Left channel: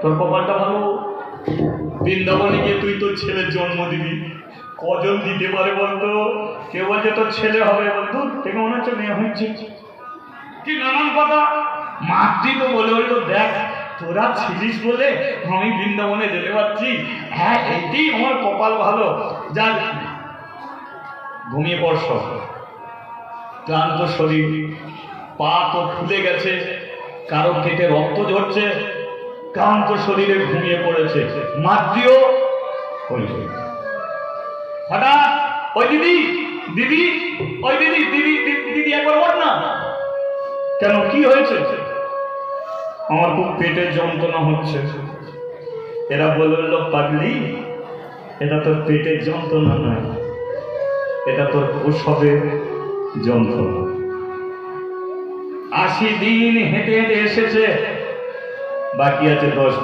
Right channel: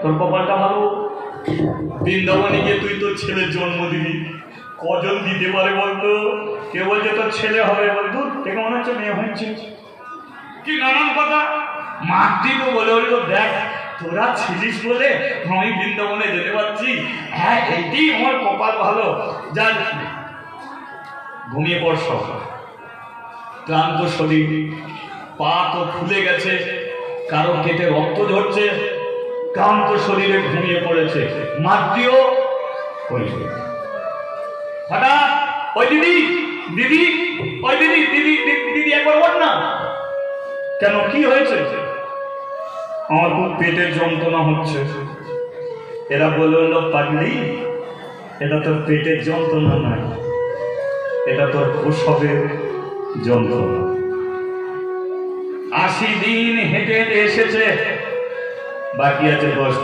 তোর কপালটা ভালো। বৃন্দাবনে গিয়ে তুই তোর ছেলের জন্ম দিবি, কজন দিতে পারে বলতো? কেউ বলছে তোর ছেলে হবে, বন্ধু দেখে মনে হচ্ছে মেয়ে হচ্ছে, কি নানান কথা। মাতৃ তো বলে বলতো, দেখ তোরা ছিলিস বলে আমি বৃন্দাবনে যেতে পারছি, হ্যাঁ এটি আমার কপাল ভালো। যা ঘুমিয়ে পড়স, ক্লান্ত শরীর, পা তো ফুলে গেছে, কারো কেটে রক্ত ঝরছে, ক্লান্ত শরীরে ঘুমিয়ে পড়েছে। মাতৃও হঠাৎ ওই দিদি দিদি ওই দিদি দিদি দিদি একবার বল না, কেন কি হয়েছে? আমার খুব পেটের যন্ত্রণা হচ্ছে। এরা বলে বললো, পাগলি এটা তোর পেটের যন্ত্রণা নয়, এটা তোর প্রসবের যন্ত্রণা। 80 দিন হেঁটে হেঁটে এসেছে, বাকি আছে 10